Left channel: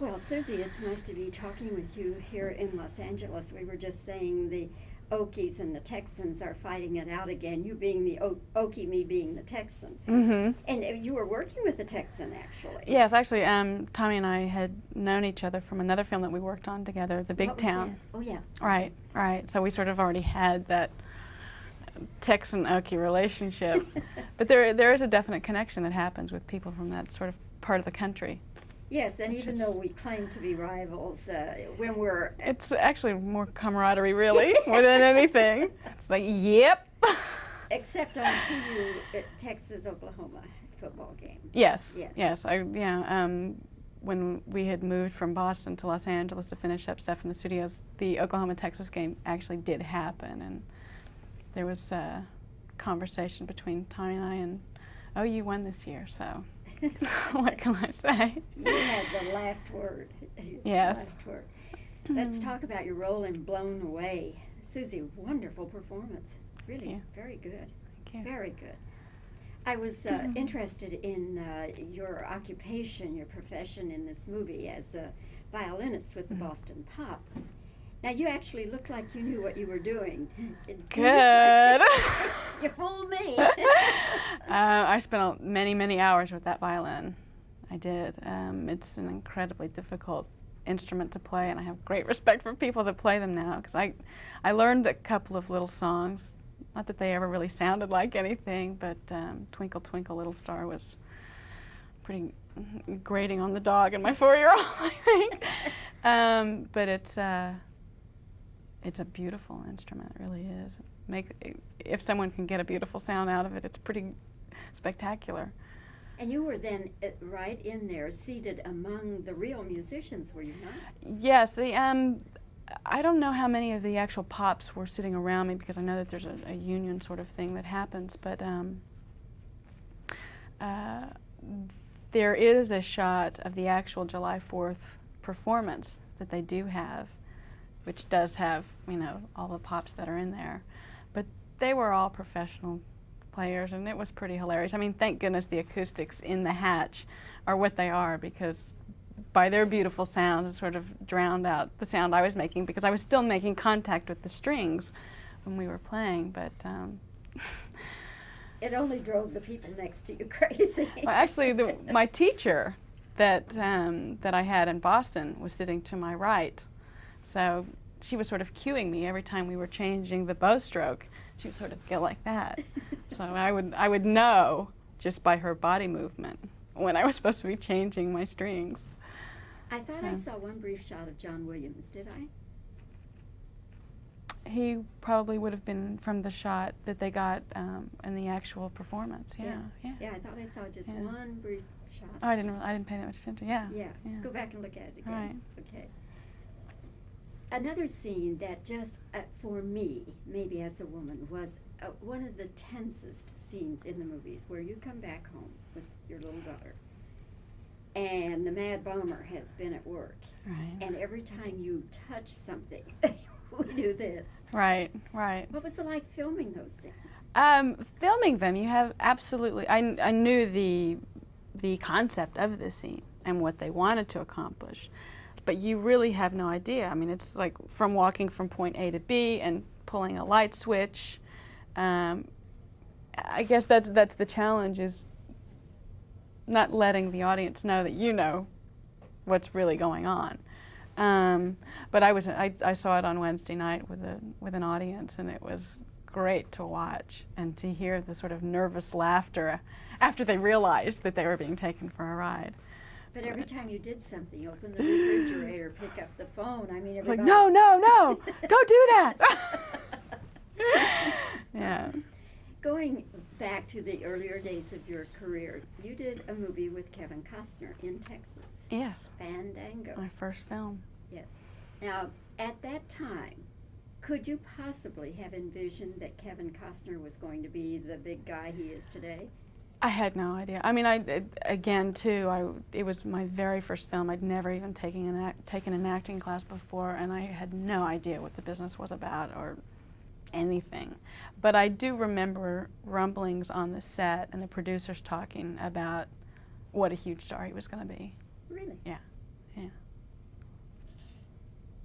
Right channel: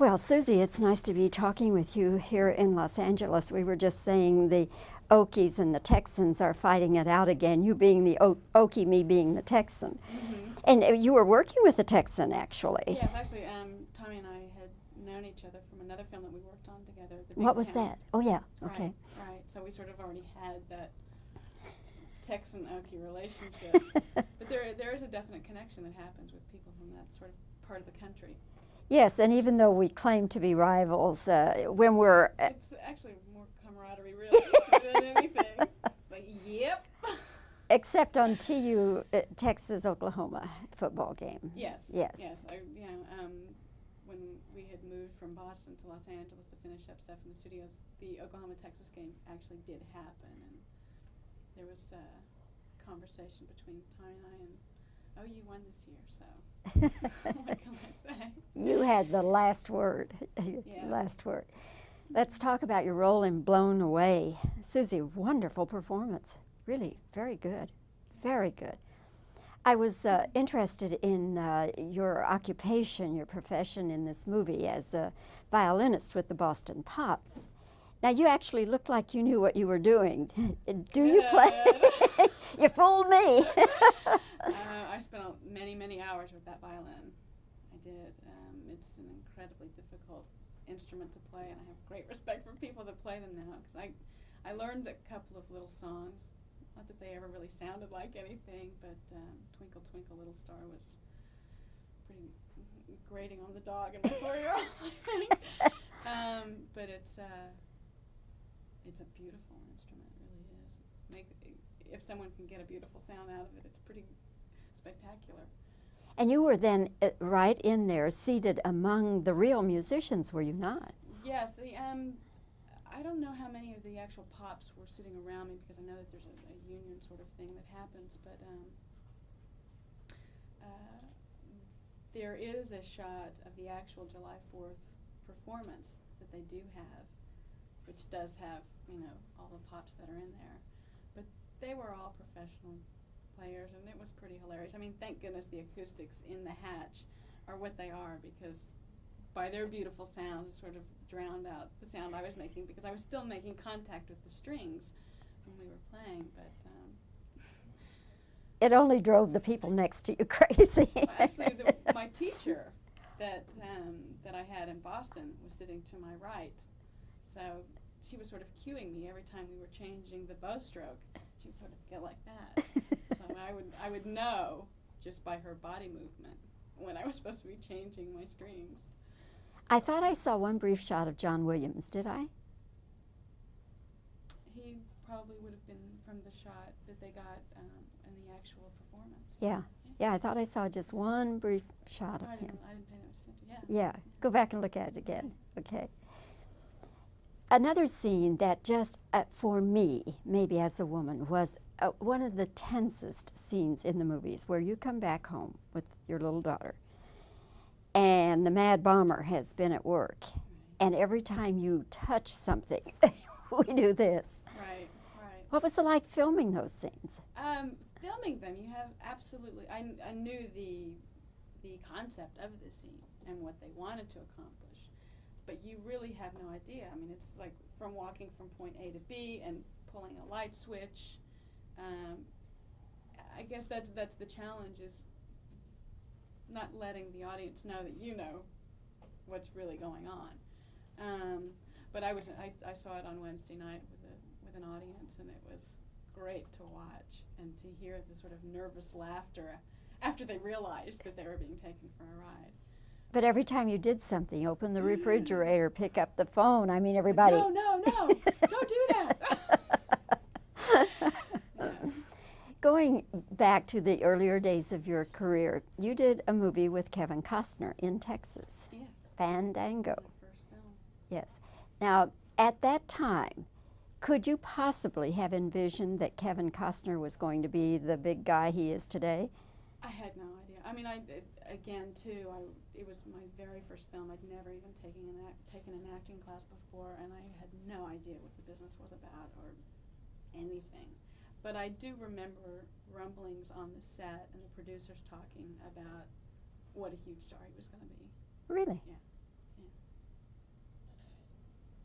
Well, Susie, it's nice to be talking with you here in Los Angeles. We were just saying the Okies and the Texans are fighting it out again. You being the Okie, me being the Texan. Mm-hmm. And you were working with the Texan, actually. Yes, actually, Tommy and I had known each other from another film that we worked on together, The Big What was Town. that? Oh, yeah. Right, Okay. right. So we sort of already had that Texan-Okie relationship. But there is a definite connection that happens with people from that sort of part of the country. Yes, and even though we claim to be rivals, when we're... It's actually more camaraderie, really, more than anything. It's like, yep. Except on TU, Texas-Oklahoma football game. Yes, Yes. yes. When we had moved from Boston to Los Angeles to finish up stuff in the studios, the Oklahoma-Texas game actually did happen, and there was a conversation between Tommy and I, and oh, you won this year, so what can I say? You had the last word. Yes. Last word. Let's talk about your role in Blown Away. Susie, wonderful performance. Really, very good. Thank you. Very good. I was interested in your occupation, your profession in this movie as a violinist with the Boston Pops. Now, you actually looked like you knew what you were doing. Good. You fooled me. I spent many hours with that violin. I did. It's an incredibly difficult instrument to play, and I have great respect for people that play them now, because I learned a couple of little songs. Not that they ever really sounded like anything, but Twinkle Twinkle Little Star was pretty grating on the dog and my 4-year-old, I think. But it's a beautiful instrument, it really is. If someone can get a beautiful sound out of it, it's pretty spectacular. And you were then right in there, seated among the real musicians, were you not? Yes, I don't know how many of the actual Pops were sitting around me, because I know that there's a union sort of thing that happens, but there is a shot of the actual July 4th performance that they do have, which does have, all the Pops that are in there. But they were all professional players, and it was pretty hilarious. I mean, thank goodness the acoustics in the hatch are what they are, because by their beautiful sounds, it sort of drowned out the sound I was making, because I was still making contact with the strings when we were playing, but... It only drove the people next to you crazy. Well, actually, my teacher that I had in Boston was sitting to my right, so she was sort of cueing me every time we were changing the bow stroke. She would sort of go like that. So I would know just by her body movement when I was supposed to be changing my strings. I thought I saw one brief shot of John Williams, did I? He probably would have been from the shot that they got in the actual performance. Yeah, I thought I saw just one brief shot. Oh, I didn't pay that much attention. Yeah. Go back and look at it again. Right. Okay. Another scene that just, for me, maybe as a woman, was one of the tensest scenes in the movies, where you come back home with your little daughter, and the Mad Bomber has been at work, and every time you touch something, we do this. Right. What was it like filming those scenes? Filming them, you have absolutely, I knew the concept of the scene and what they wanted to accomplish. But you really have no idea. I mean, it's like from walking from point A to B and pulling a light switch. I guess that's the challenge, is not letting the audience know that you know what's really going on. But I saw it on Wednesday night with an audience, and it was great to watch and to hear the sort of nervous laughter after they realized that they were being taken for a ride. But every time you did something, open the refrigerator, pick up the phone, I mean, everybody... Like, no, don't do that! Yeah. Going back to the earlier days of your career, you did a movie with Kevin Costner in Texas. Yes. Fandango. My first film. Yes. Now, at that time, could you possibly have envisioned that Kevin Costner was going to be the big guy he is today? I had no idea. I mean, it was my very first film. I'd never even taken an acting class before, and I had no idea what the business was about or anything. But I do remember rumblings on the set and the producers talking about what a huge star he was going to be. Really? Yeah.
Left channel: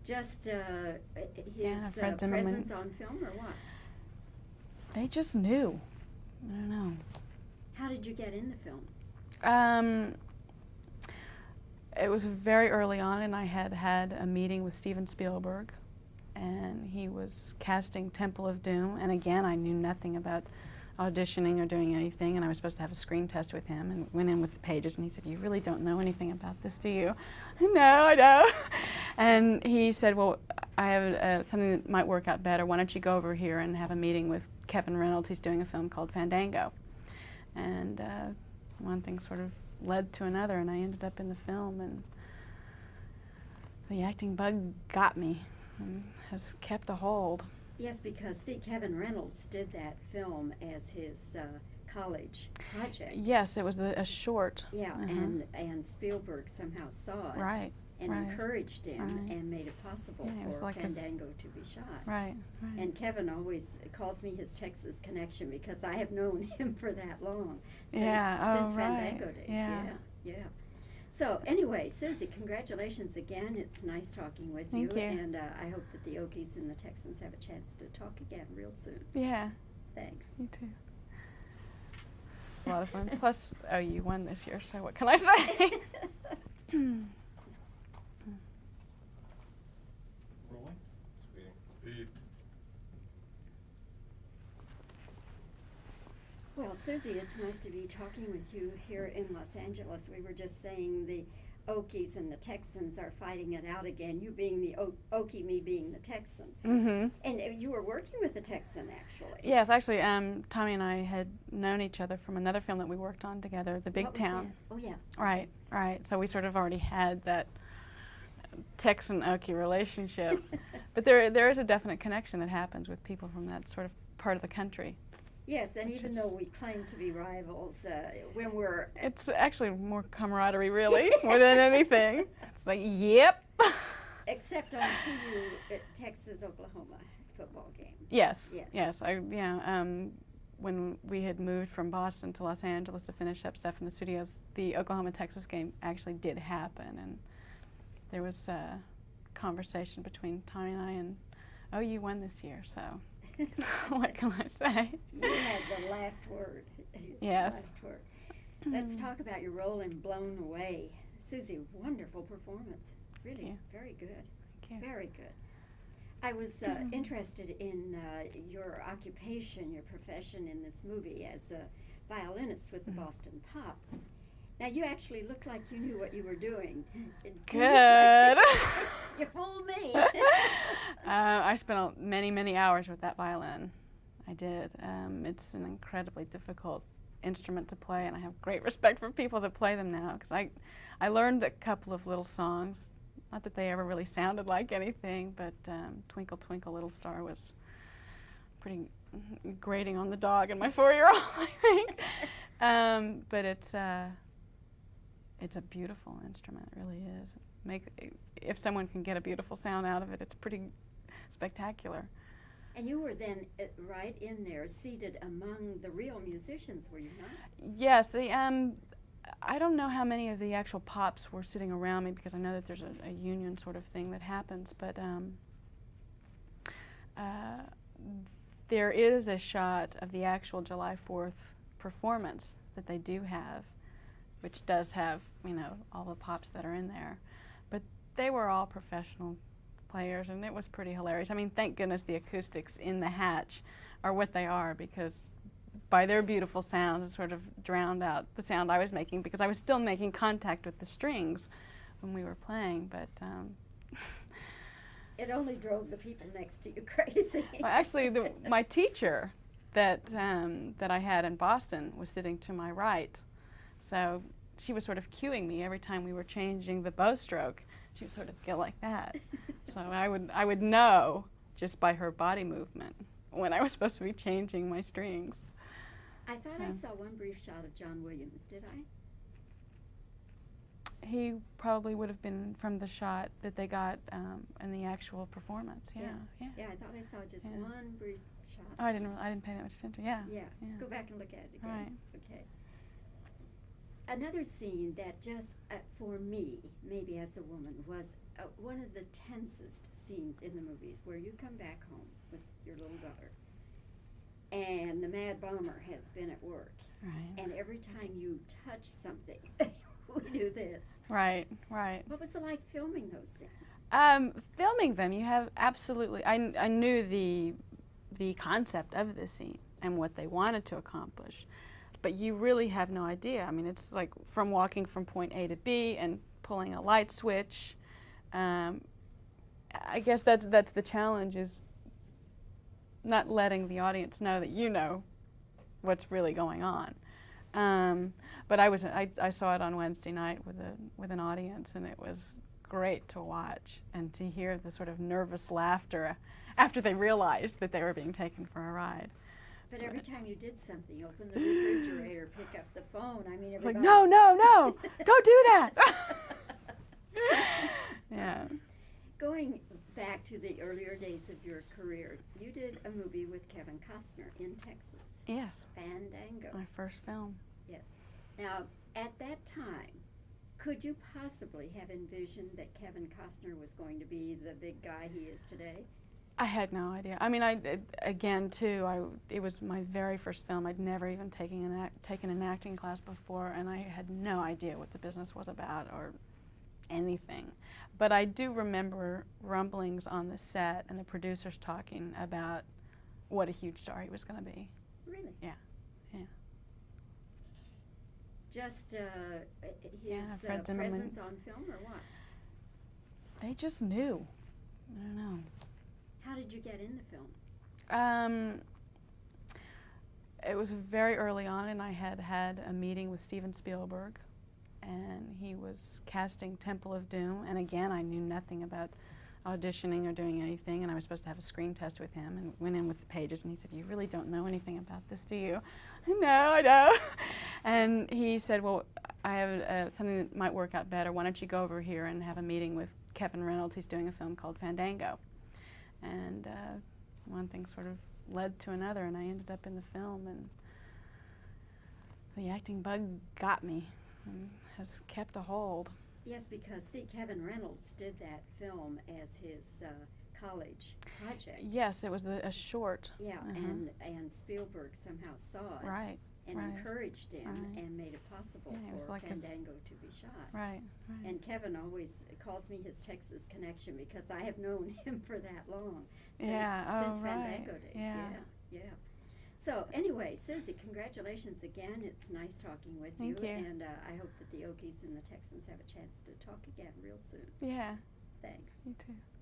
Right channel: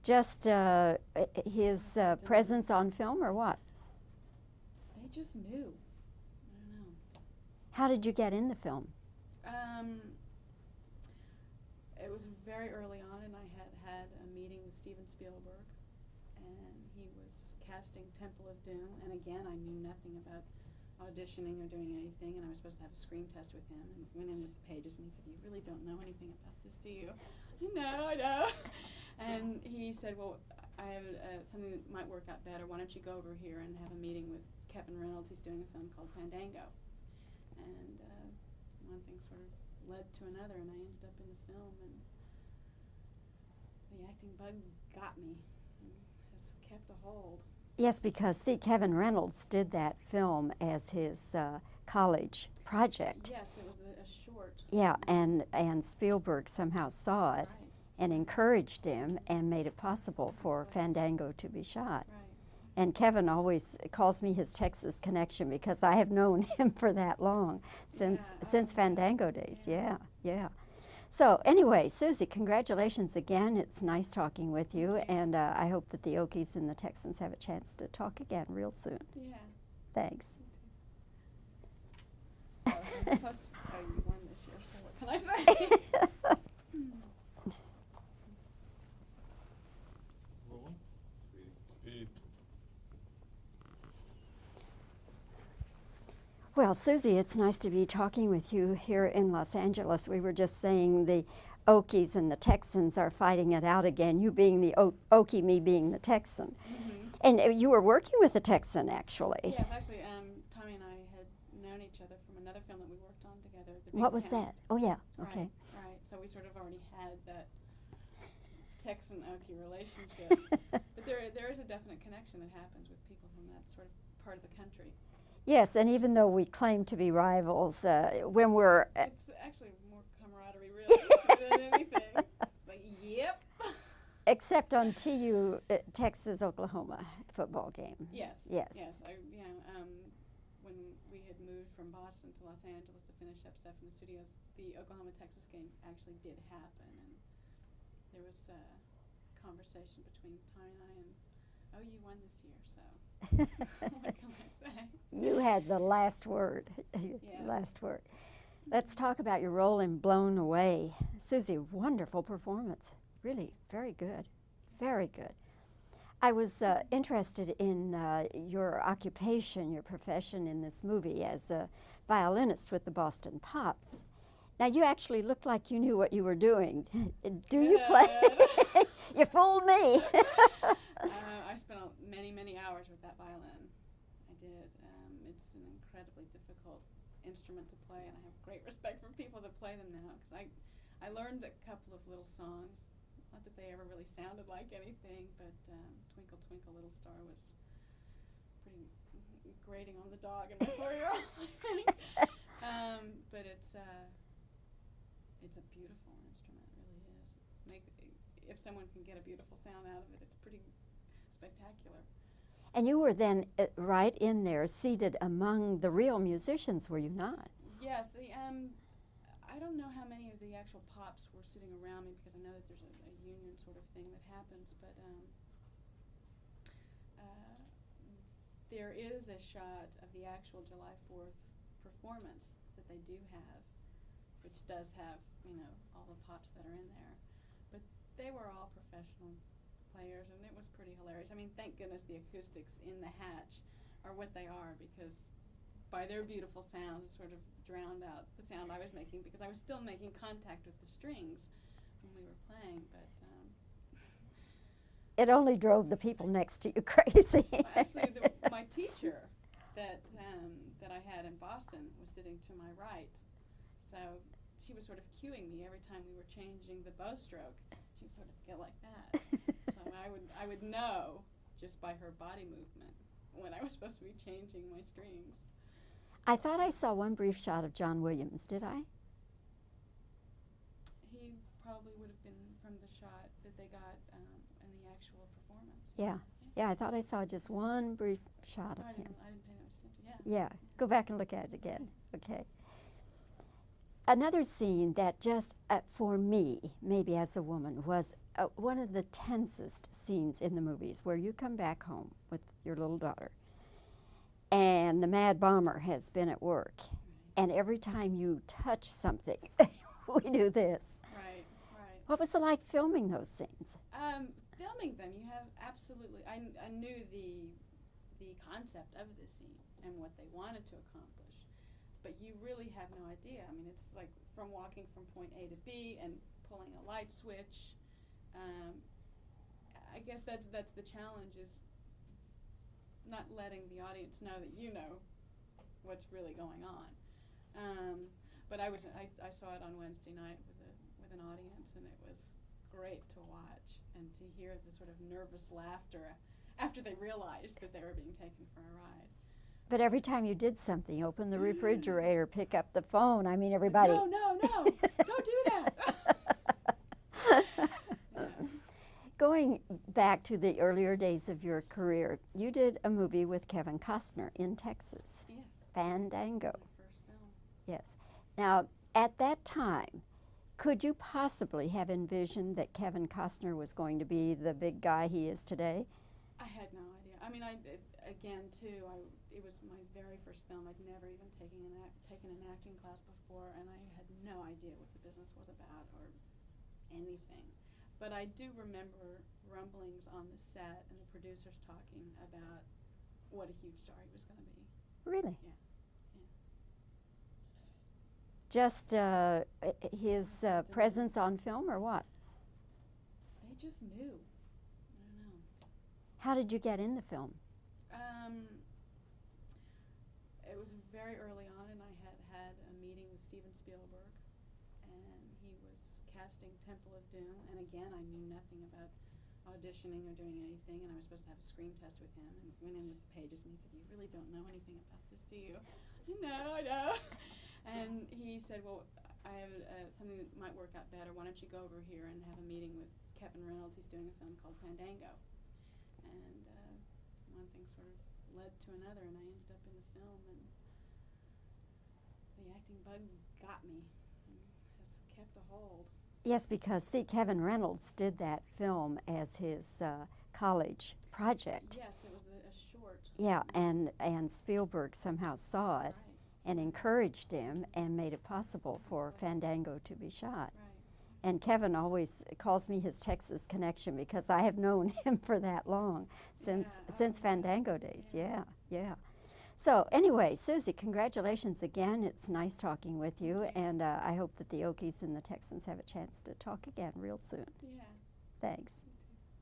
Just his Fred Zinnemann. presence on film, or what? They just knew. I don't know. How did you get in the film? It was very early on, and I had had a meeting with Steven Spielberg, and he was casting Temple of Doom. And again, I knew nothing about auditioning or doing anything, and I was supposed to have a screen test with him, and went in with the pages, and he said, "You really don't know anything about this, do you?" "No, I don't." And he said, "Well, I have something that might work out better. Why don't you go over here and have a meeting with Kevin Reynolds? He's doing a film called Fandango." And one thing sort of led to another, and I ended up in the film, and the acting bug got me and has kept a hold. Yes, because, see, Kevin Reynolds did that film as his college project. Yes, it was a short. Yeah, and Spielberg somehow saw it. Right. And right. encouraged him Right. and made it possible Yeah, it was for like Fandango to be shot. Right. Right. And Kevin always calls me his Texas connection because I have known him for that long, since right. Fandango days. Yeah. Yeah. So anyway, Susy, congratulations again. It's nice talking with you. Thank you. And I hope that the Okies and the Texans have a chance to talk again real soon. Yeah. Thanks. Me too. A lot of fun. Plus, you won this year, so what can I say? Rolling. Speed. Well, Susy, it's nice to be talking with you here in Los Angeles. We were just saying the Okies and the Texans are fighting it out again, you being the Okie, me being the Texan. Mm-hmm. And you were working with a Texan, actually. Yes, actually, Tommy and I had known each other from another film that we worked on together, The Big What Town. was that? Oh, yeah. Right, right. So we sort of already had that Texan-Okie relationship. But there is a definite connection that happens with people from that sort of part of the country. Yes, and even though we claim to be rivals, when we're... It's actually more camaraderie, really, more than anything. It's like, yep. Except on TU, Texas-Oklahoma football game. Yes. Yes. Yes. When we had moved from Boston to Los Angeles to finish up stuff in the studios, the Oklahoma-Texas game actually did happen, and there was a conversation between Tommy and I, and oh, you won this year, so what can I say? You had the last word. Yes. Last word. Let's talk about your role in Blown Away. Susy, wonderful performance. Really, very good. Thank you. Very good. I was interested in your occupation, your profession in this movie as a violinist with the Boston Pops. Now, you actually looked like you knew what you were doing. Good. You fooled me. I spent many hours with that violin. I did. It's an incredibly difficult instrument to play, and I have great respect for people that play them now, because I learned a couple of little songs. Not that they ever really sounded like anything, but Twinkle Twinkle Little Star was pretty grating on the dog and my 4-year-old, I think. But it's a beautiful instrument, it really is. If someone can get a beautiful sound out of it, it's pretty spectacular. And you were then right in there, seated among the real musicians, were you not? Yes, I don't know how many of the actual Pops were sitting around me, because I know that there's a union sort of thing that happens, but there is a shot of the actual July 4th performance that they do have, which does have, all the Pops that are in there. But they were all professional players, and it was pretty hilarious. I mean, thank goodness the acoustics in the hatch are what they are, because by their beautiful sounds it sort of drowned out the sound I was making, because I was still making contact with the strings when we were playing, but it only drove the people next to you crazy. well, actually, my teacher that I had in Boston was sitting to my right, so she was sort of cueing me every time we were changing the bow stroke. She would sort of go like that. So I would know just by her body movement when I was supposed to be changing my strings. I thought I saw one brief shot of John Williams, did I? He probably would have been from the shot that they got in the actual performance. Yeah, I thought I saw just one brief shot. Oh, I didn't pay that much attention. Yeah. Yeah. Go back and look at it again. Right. Okay. Another scene that just, for me, maybe as a woman, was one of the tensest scenes in the movies, where you come back home with your little daughter, and the mad bomber has been at work, Right. and every time you touch something, we do this. Right, right. What was it like filming those scenes? Filming them, you have absolutely. I knew the concept of this scene and what they wanted to accomplish, but you really have no idea. I mean, it's like from walking from point A to B and pulling a light switch. I guess that's the challenge, is not letting the audience know that you know what's really going on. But I saw it on Wednesday night with an audience, and it was great to watch and to hear the sort of nervous laughter after they realized that they were being taken for a ride. But every time you did something, open the refrigerator, pick up the phone, I mean, It's like, everybody... no, don't do that. Yeah. Going back to the earlier days of your career, you did a movie with Kevin Costner in Texas, Yes. Fandango. My first film. Yes. Now, at that time, could you possibly have envisioned that Kevin Costner was going to be the big guy he is today? I had no idea. I mean, it was my very first film. I'd never even taken an acting class before, and I had no idea what the business was about or anything. But I do remember rumblings on the set and the producers talking about what a huge star he was going to be. Really? Yeah. Just his friends and presence on film, or what? They just knew. I don't know. How did you get in the film? It was very early on, and I had a meeting with Steven Spielberg, and he was casting Temple of Doom. And again, I knew nothing about auditioning or doing anything, and I was supposed to have a screen test with him, and went in with the pages, and he said, "You really don't know anything about this, do you?" I know. And he said, "Well, I have something that might work out better. Why don't you go over here and have a meeting with Kevin Reynolds? He's doing a film called Fandango." And one thing sort of led to another, and I ended up in the film, and the acting bug got me and has kept a hold. Yes, because, see, Kevin Reynolds did that film as his college project. Yes, it was a short. Yeah, and Spielberg somehow saw it Right. and right. encouraged him Right. and made it possible Yeah, it was for like Fandango to be shot. Right. And Kevin always calls me his Texas connection, because I have known him for that long, since right. Fandango days. Yeah. Yeah. So anyway, Susy, congratulations again. It's nice talking with Thank you, you. and I hope that the Okies and the Texans have a chance to talk again real soon. Yeah. Thanks. You too.